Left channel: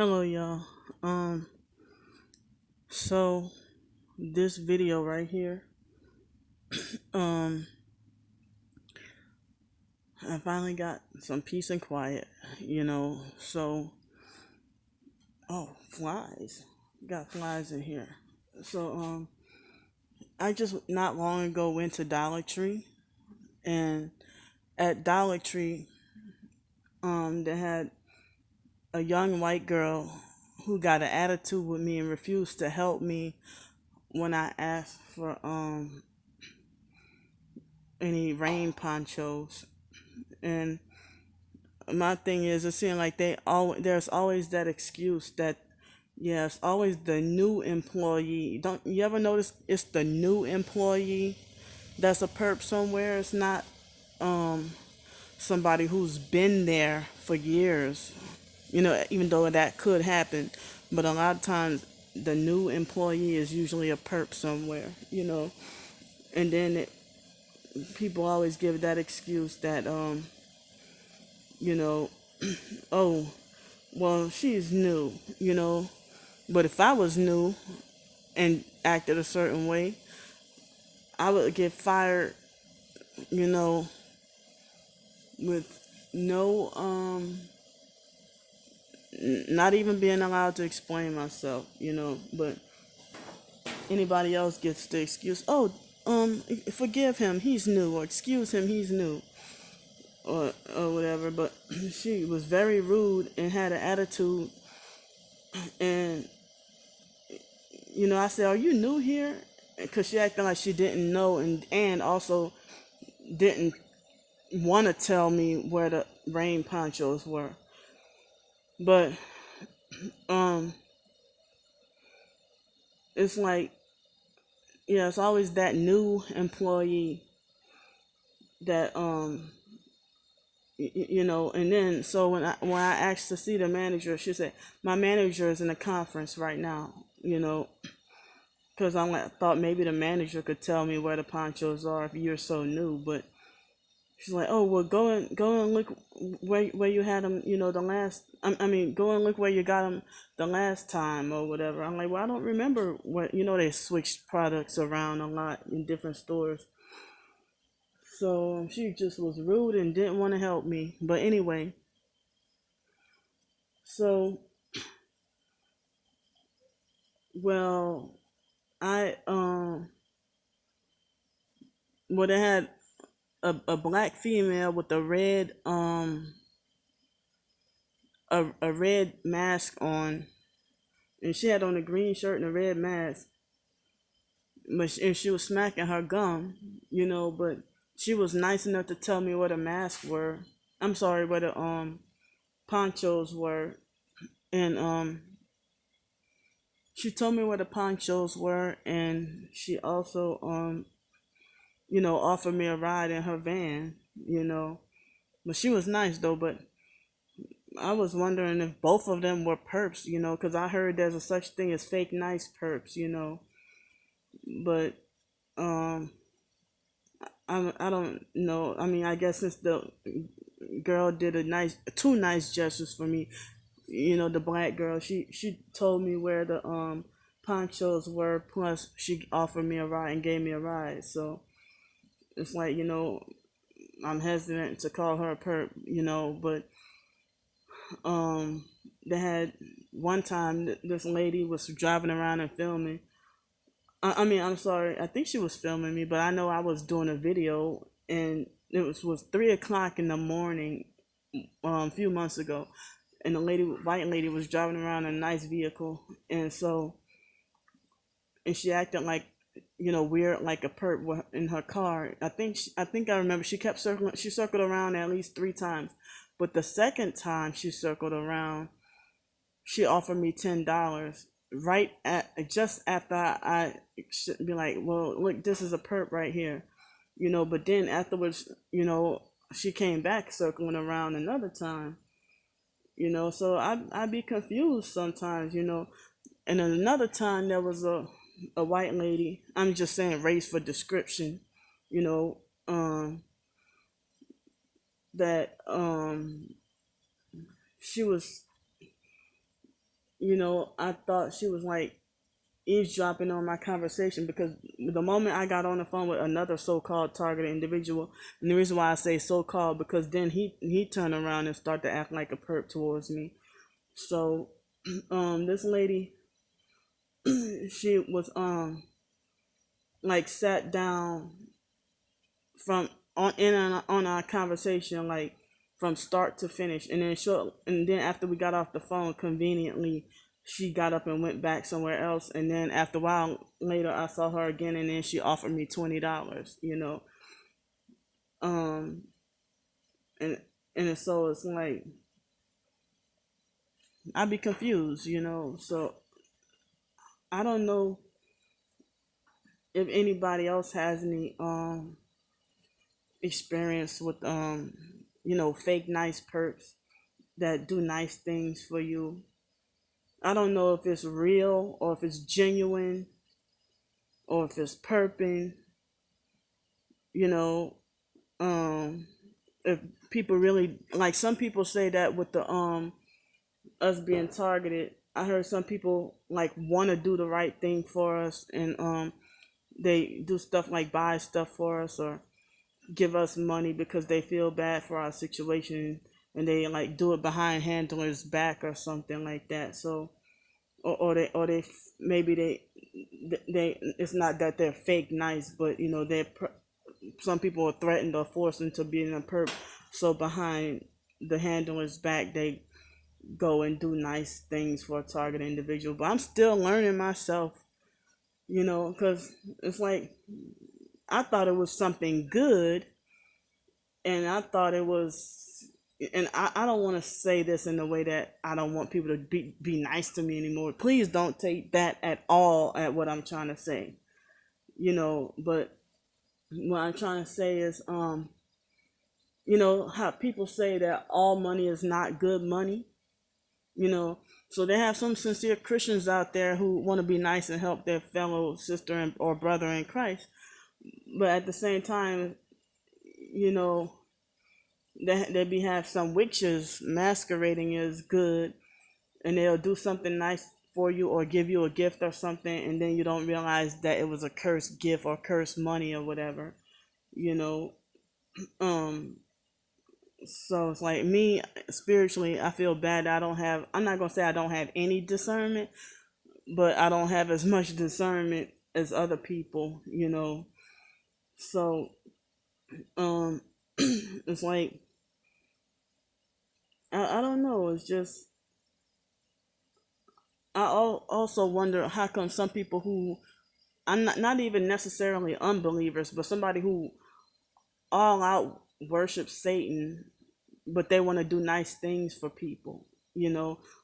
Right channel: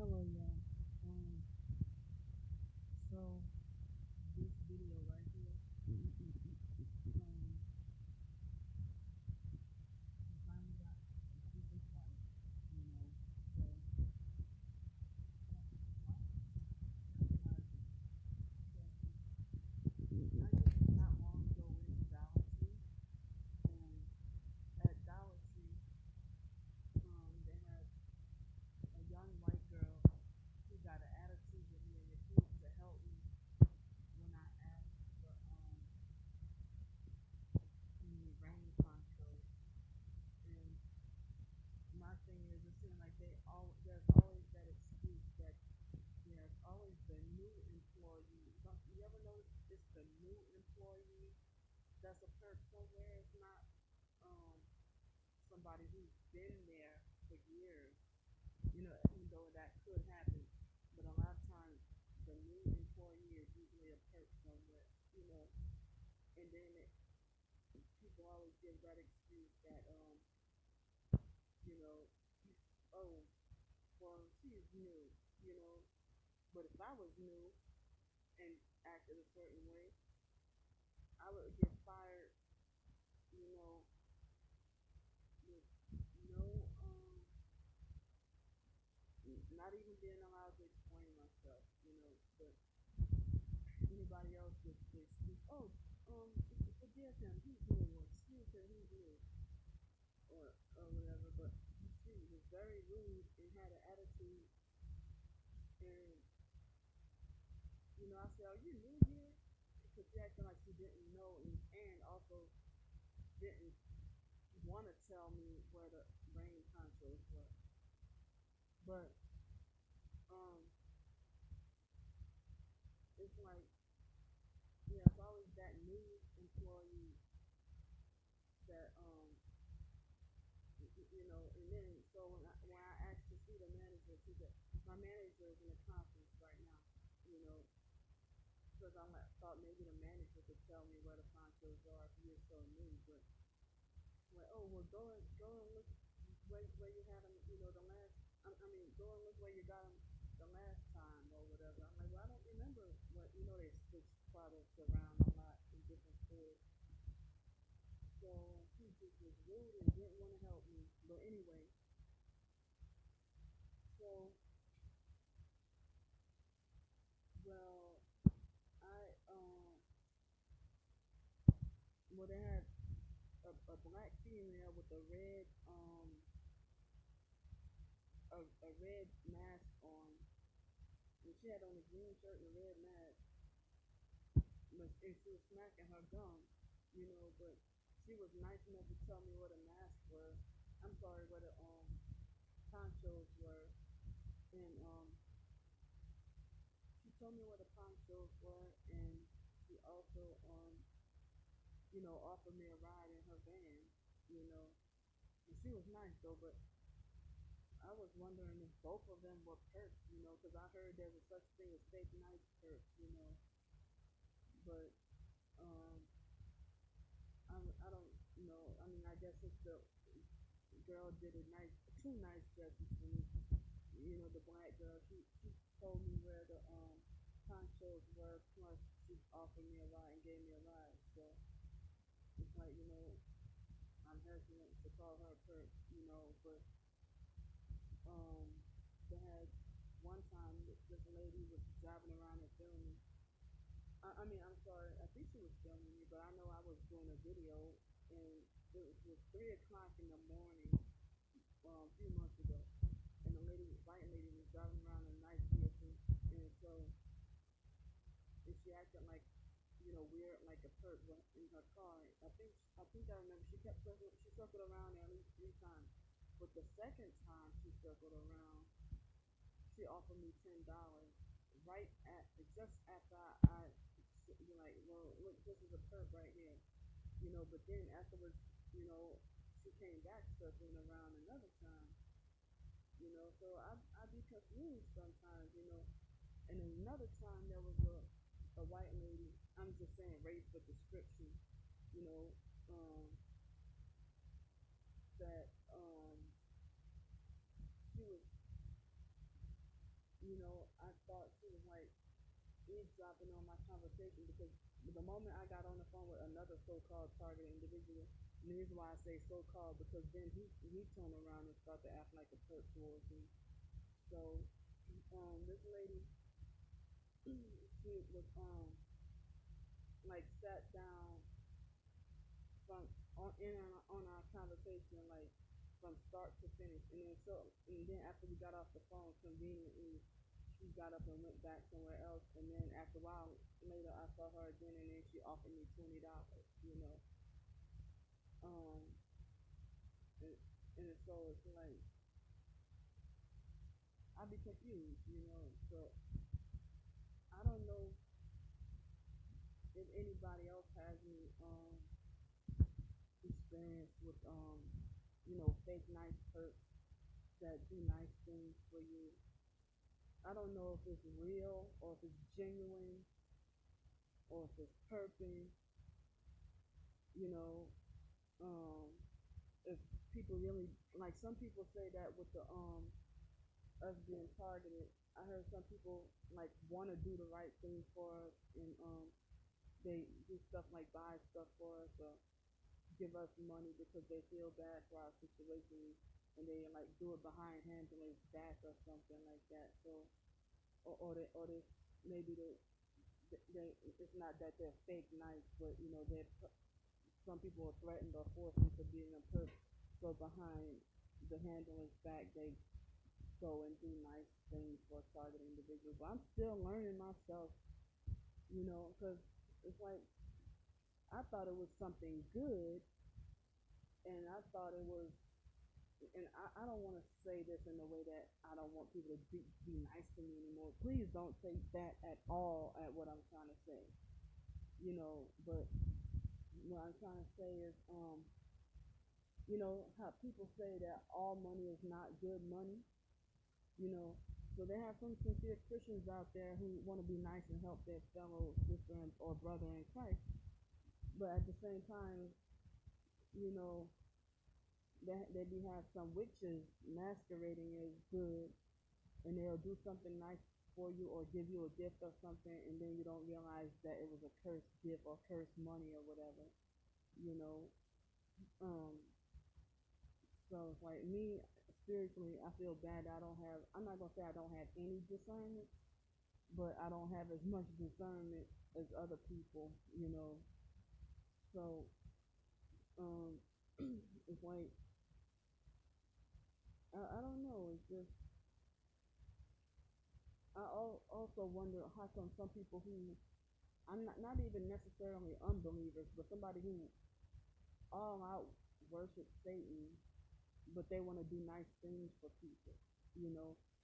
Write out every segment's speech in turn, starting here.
Hello, y'all. Um, so this video right here, um, I finally got some peace and quiet, you know. So, oh, flies, got flies in here. So, I just not long ago went to Dollar Tree, and at Dollar Tree, they had a young white girl who got an attitude with me and refused to help me when I asked for any rain ponchos. And my thing is, it seems like there's always that excuse that, yeah, it's always the new employee. Don't you ever notice it's the new employee that's a perp somewhere? It's not um somebody who's been there for years. Even though that could happen, but a lot of times the new employee is usually a perp somewhere. And then people always give that excuse that you know, oh, well, she's new, But if I was new and acted a certain way, I would get fired, you know, with no, not even being allowed to explain myself, But anybody else gets the excuse, oh, forgive him, he's new, or excuse him, he's new, or whatever. But she was very rude and had an attitude, and I said, "Are you new here?" Because she acted like she didn't know, and also didn't want to tell me where the rain ponchos were. But um, it's like, yeah, it's always that new employee that And then so when I asked to see the manager, she said my manager is in a conference right now. Because thought maybe the manager could tell me where the ponchos are if you're so new, but she's like, oh, well, go and look where you had them, the last. I mean, go and look where you got them the last time or whatever. I'm like, well, I don't remember what. They switched products around a lot in different stores. So she just was rude and didn't want to help me. But anyway, so well, I would have had a black female with a red mask on, and she had on a green shirt and a red mask, and she was smacking her gum, but she was nice enough to tell me where the masks were. I'm sorry, where the ponchos were, and she told me where the ponchos were, and she also offered me a ride in her van, but she was nice though. But I was wondering if both of them were perps, because I heard there's a such thing as fake nice perps, but um I don't know. I mean, I guess since the girl did two nice gestures for me, the black girl, she told me where the ponchos were. Plus, she offered me a ride and gave me a ride. So it's like, I'm hesitant to call her a perp, but um, they had one time this lady was driving around and filming. I mean, I'm sorry. I think she was filming me, but I know I was doing a video, and it was 3 o'clock in the morning, a few months ago, and the white lady, was driving around in a nice vehicle, and she acted like, weird, like a perp in her car. I think I remember she kept circling. She circled around at least 3 times, but the second time she circled around, she offered me $10 right at just after I should be like, well, look, this is a perp right here, But then afterwards, she came back circling around another time, So I'd be confused sometimes, And then another time there was a white lady. I'm just saying race for description, you know, that she was I thought she was like eavesdropping on my conversation, because the moment I got on the phone with another so-called targeted individual, and the reason why I say so-called, because then he turned around and started to act like a perp towards me. So, this lady, she was like sat down from on our conversation, like from start to finish, and then after we got off the phone, conveniently she got up and went back somewhere else, and then after a while later I saw her again, and then she offered me $20, um and so it's like I'd be confused, so I don't know if anybody else has any experience with fake nice perks that do nice things for you. I don't know if it's real or if it's genuine or if it's perping, you know. If people really, like, some people say that with the us being targeted. I heard some people like want to do the right thing for us, and they do stuff like buy stuff for us or give us money because they feel bad for our situation, and they like do it behind handlers back or something like that. So, or they maybe they it's not that they're fake nice, but some people are threatened or forced into being a perp, so behind the handler's back they go and do nice things for a target individual. But I'm still learning myself, because it's like I thought it was something good, and I thought it was, and I don't want to say this in a way that I don't want people to be nice to me anymore. Please don't take that at all at what I'm trying to say, but what I'm trying to say is, how people say that all money is not good money, you know. So they have some sincere Christians out there who want to be nice and help their fellow sister or brother in Christ, but at the same time, you know, they be have some witches masquerading as good, and they'll do something nice for you or give you a gift or something, and then you don't realize that it was a cursed gift or cursed money or whatever, you know. Um, so it's like me spiritually, I feel bad. I'm not gonna say I don't have any discernment, but I don't have as much discernment as other people, So, um, it's like I don't know. It's just also wonder how come some people who I'm not even necessarily unbelievers, but somebody who all out worships Satan, but they want to do nice things for people,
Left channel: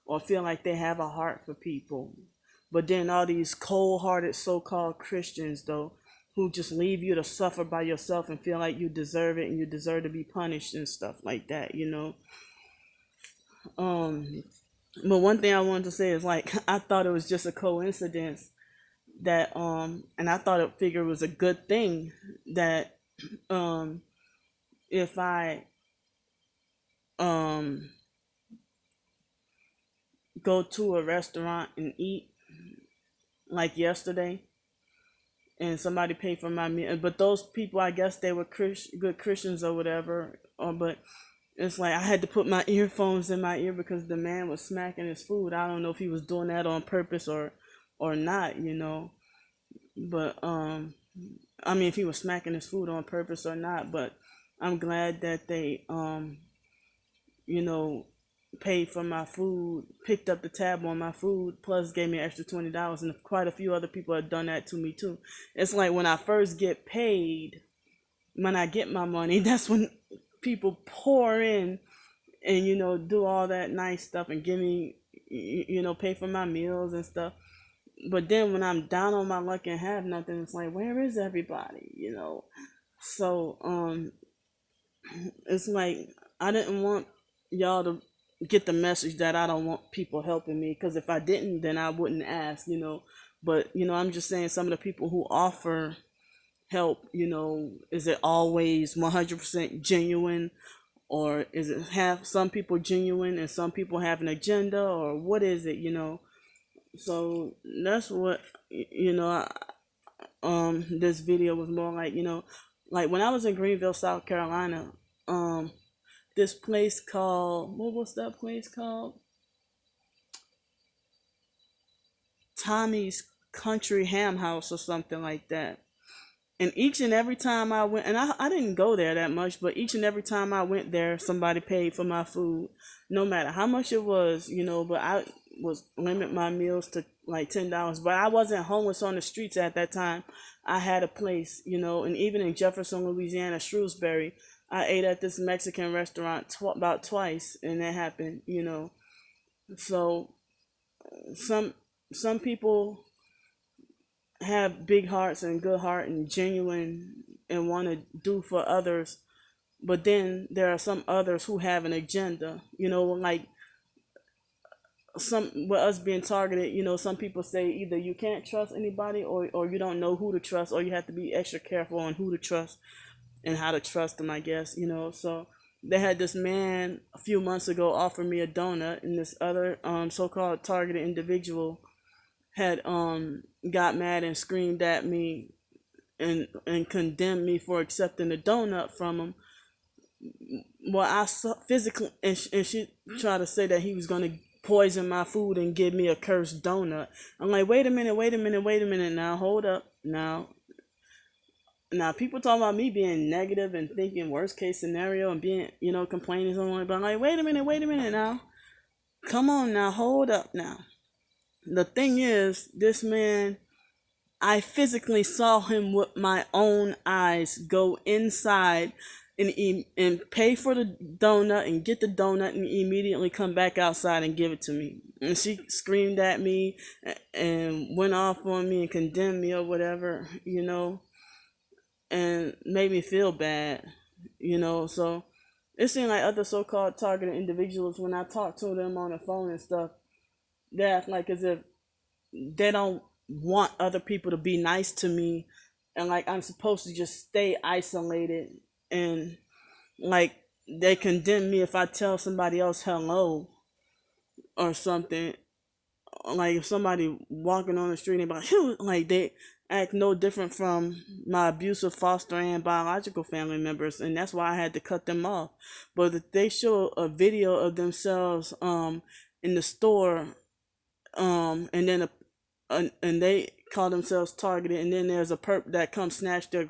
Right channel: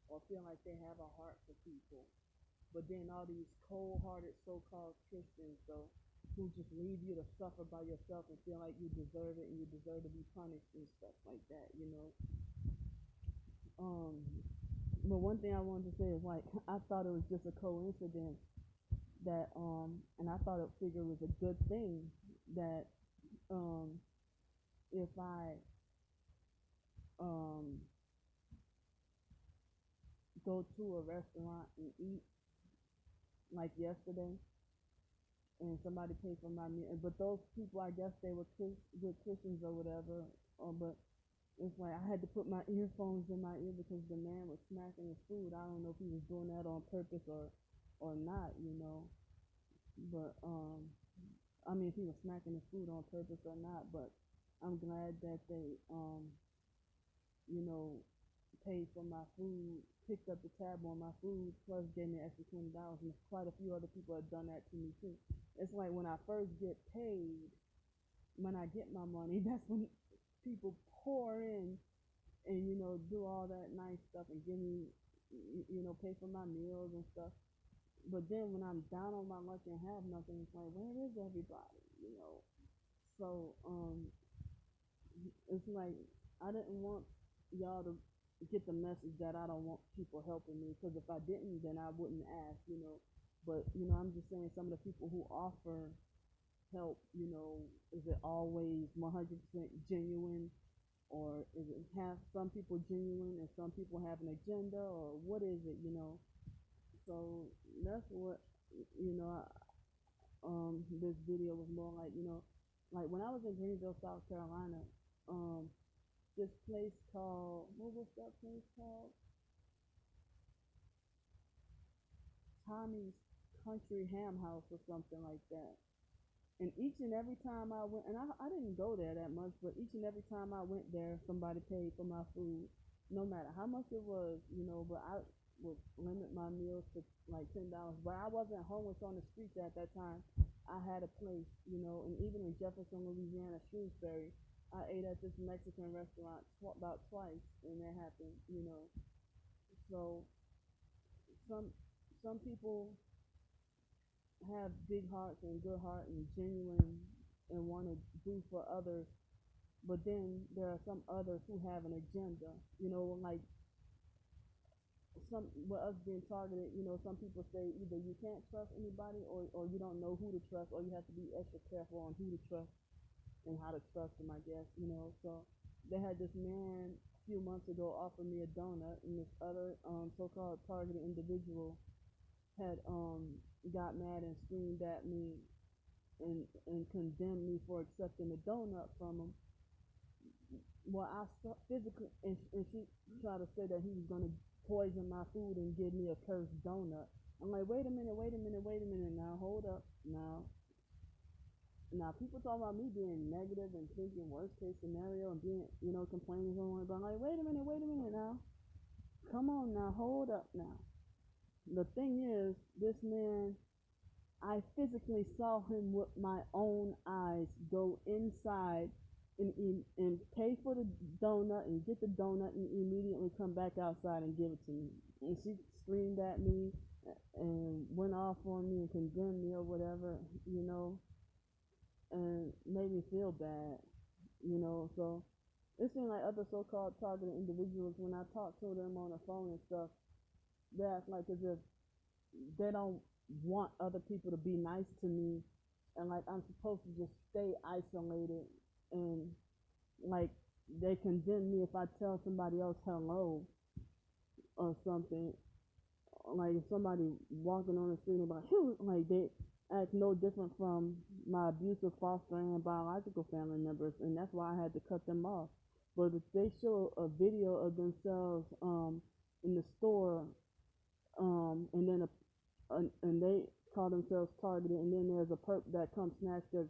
or feel like they have a heart for people. But then all these cold-hearted so-called Christians, though, who just leave you to suffer by yourself and feel like you deserve it and you deserve to be punished and stuff like that. Um, but one thing I wanted to say is, like, I thought it was just a coincidence that and I thought it figured it was a good thing that um if I um go to a restaurant and eat like yesterday, and somebody paid for my meal, but those people, I guess they were good Christians or whatever, but it's like I had to put my earphones in my ear because the man was smacking his food. I don't know if he was doing that on purpose or not. But I mean, if he was smacking his food on purpose or not. But I'm glad that they you know paid for my food, picked up the tab on my food, plus gave me an extra $20, and quite a few other people have done that to me too. It's like when I first get paid, when I get my money, that's when people pour in and do all that nice stuff and give me, pay for my meals and stuff. But then when I'm down on my luck and have nothing, it's like, where is everybody? So it's like I didn't want y'all to get the message that I don't want people helping me, because if I didn't, then I wouldn't ask. But I'm just saying, some of the people who offer help, is it always 100% genuine, or is it have some people genuine and some people have an agenda, or what is it? So that's what you know. This video was more like, like when I was in Greenville, South Carolina. Um, this place called, what was that place called? Tommy's Country Ham House or something like that. And each and every time I went, and I didn't go there that much, but each and every time I went there, somebody paid for my food, no matter how much it was, but I was limit my meals to like $10. But I wasn't homeless on the streets at that time. I had a place, and even in Jefferson, Louisiana, Shrewsbury, I ate at this Mexican restaurant about twice, and that happened. So some some people have big hearts and good heart and genuine and want to do for others, but then there are some others who have an agenda, like some with us being targeted. Some people say either you can't trust anybody, or you don't know who to trust, or you have to be extra careful on who to trust and how to trust them, I guess. So they had this man a few months ago offer me a donut, and this other so-called targeted individual had got mad and screamed at me and condemned me for accepting the donut from him. Well, I saw physically, and she tried to say that he was gonna poison my food and give me a cursed donut. I'm like, wait a minute, wait a minute, wait a minute. Now, hold up. Now, people talk about me being negative and thinking worst case scenario and being, complaining something. But I'm like, wait a minute now. Come on now, hold up now. The thing is, this man, I physically saw him with my own eyes go inside and pay for the donut and get the donut and immediately come back outside and give it to me. And she screamed at me and went off on me and condemned me or whatever, and made me feel bad. So it seemed like other so-called targeted individuals, when I talk to them on the phone and stuff, they act like as if they don't want other people to be nice to me, and like I'm supposed to just stay isolated, and like they condemn me if I tell somebody else hello or something. Like if somebody walking on the street and be like, "Phew," like they act no different from my abusive foster and biological family members, and that's why I had to cut them off. But if they show a video of themselves in the store, and then and they call themselves targeted, and then there's a perp that comes snatch their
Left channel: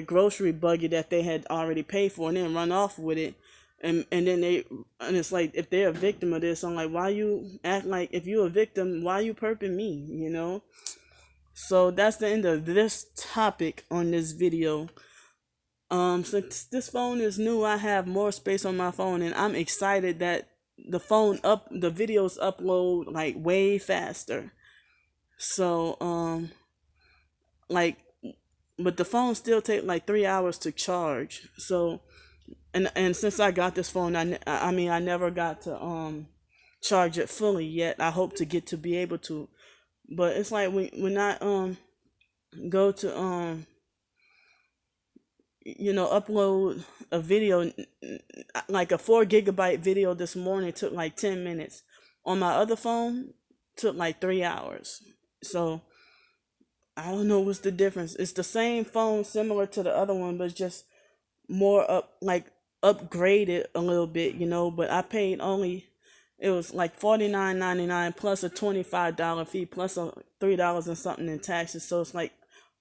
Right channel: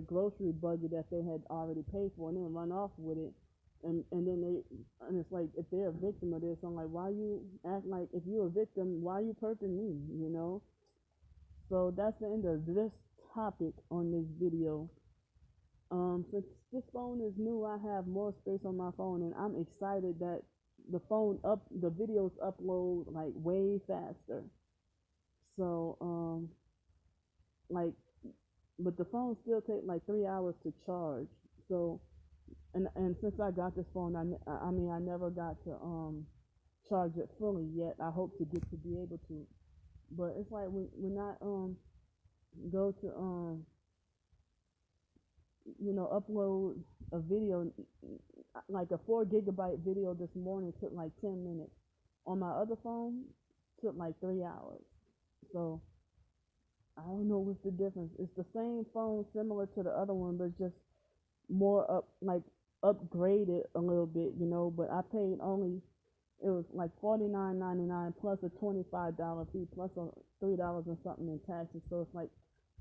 grocery buggy that they had already paid for and then run off with it. And then it's like, if they're a victim of this, I'm like, why you act like, if you're a victim, why you perping me? So that's the end of this topic on this video. Since this phone is new, I have more space on my phone, and I'm excited that the videos upload like way faster. So like, but the phone still take like 3 hours to charge. So and since I got this phone, I never got to charge it fully yet. I hope to get to be able to, but it's like when I go to upload a video, like a 4 GB video this morning took like 10 minutes. On my other phone, took like 3 hours. So I don't know what's the difference. It's the same phone, similar to the other one, but it's just more upgraded a little bit. But I paid only, it was like $49.99 plus a $25 fee plus a $3 and something in taxes. So it's like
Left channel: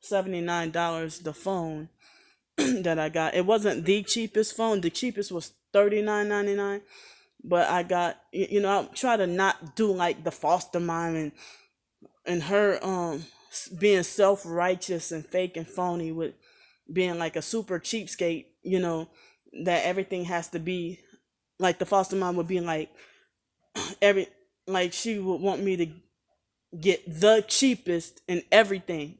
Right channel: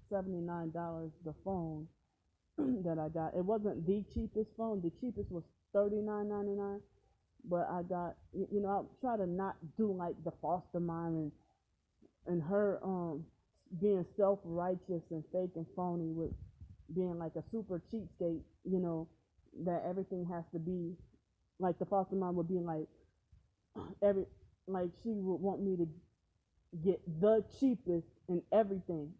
$79 the phone that I got. It wasn't the cheapest phone. The cheapest was $39.99. But I got, I try to not do like the foster mom and her being self-righteous and fake and phony with being like a super cheapskate, that everything has to be like the foster mom would be like every like she would want me to get the cheapest in everything.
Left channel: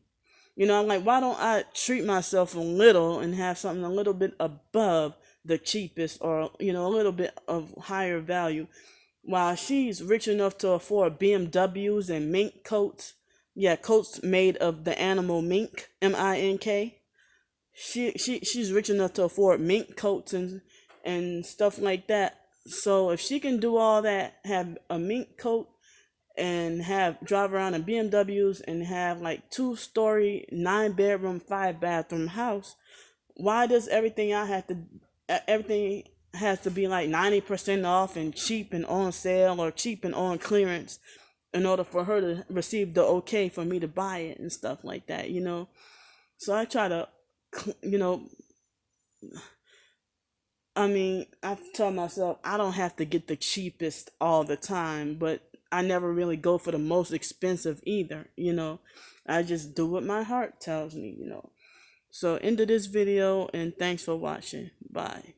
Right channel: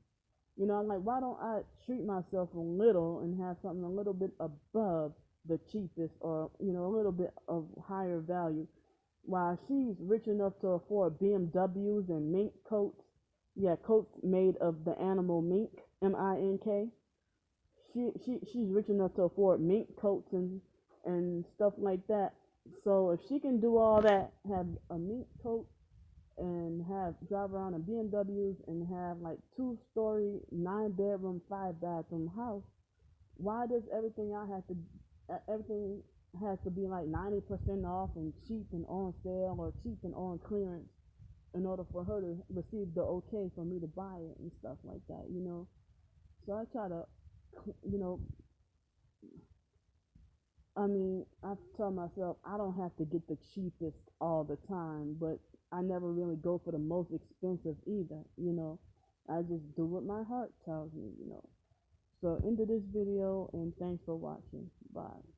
I'm like, why don't I treat myself a little and have something a little bit above the cheapest, or a little bit of higher value, while she's rich enough to afford BMWs and mink coats. Yeah, coats made of the animal mink, MINK. She's rich enough to afford mink coats and stuff like that. So if she can do all that, have a mink coat and have drive around in BMWs and have like 2-story, 9 bedroom, 5 bathroom house, why does everything has to be like 90% off and cheap and on sale or cheap and on clearance in order for her to receive the okay for me to buy it and stuff like that. So I try to, you know, I mean, I tell myself I don't have to get the cheapest all the time, but I never really go for the most expensive either. I just do what my heart tells me. So end of this video and thanks for watching. Bye.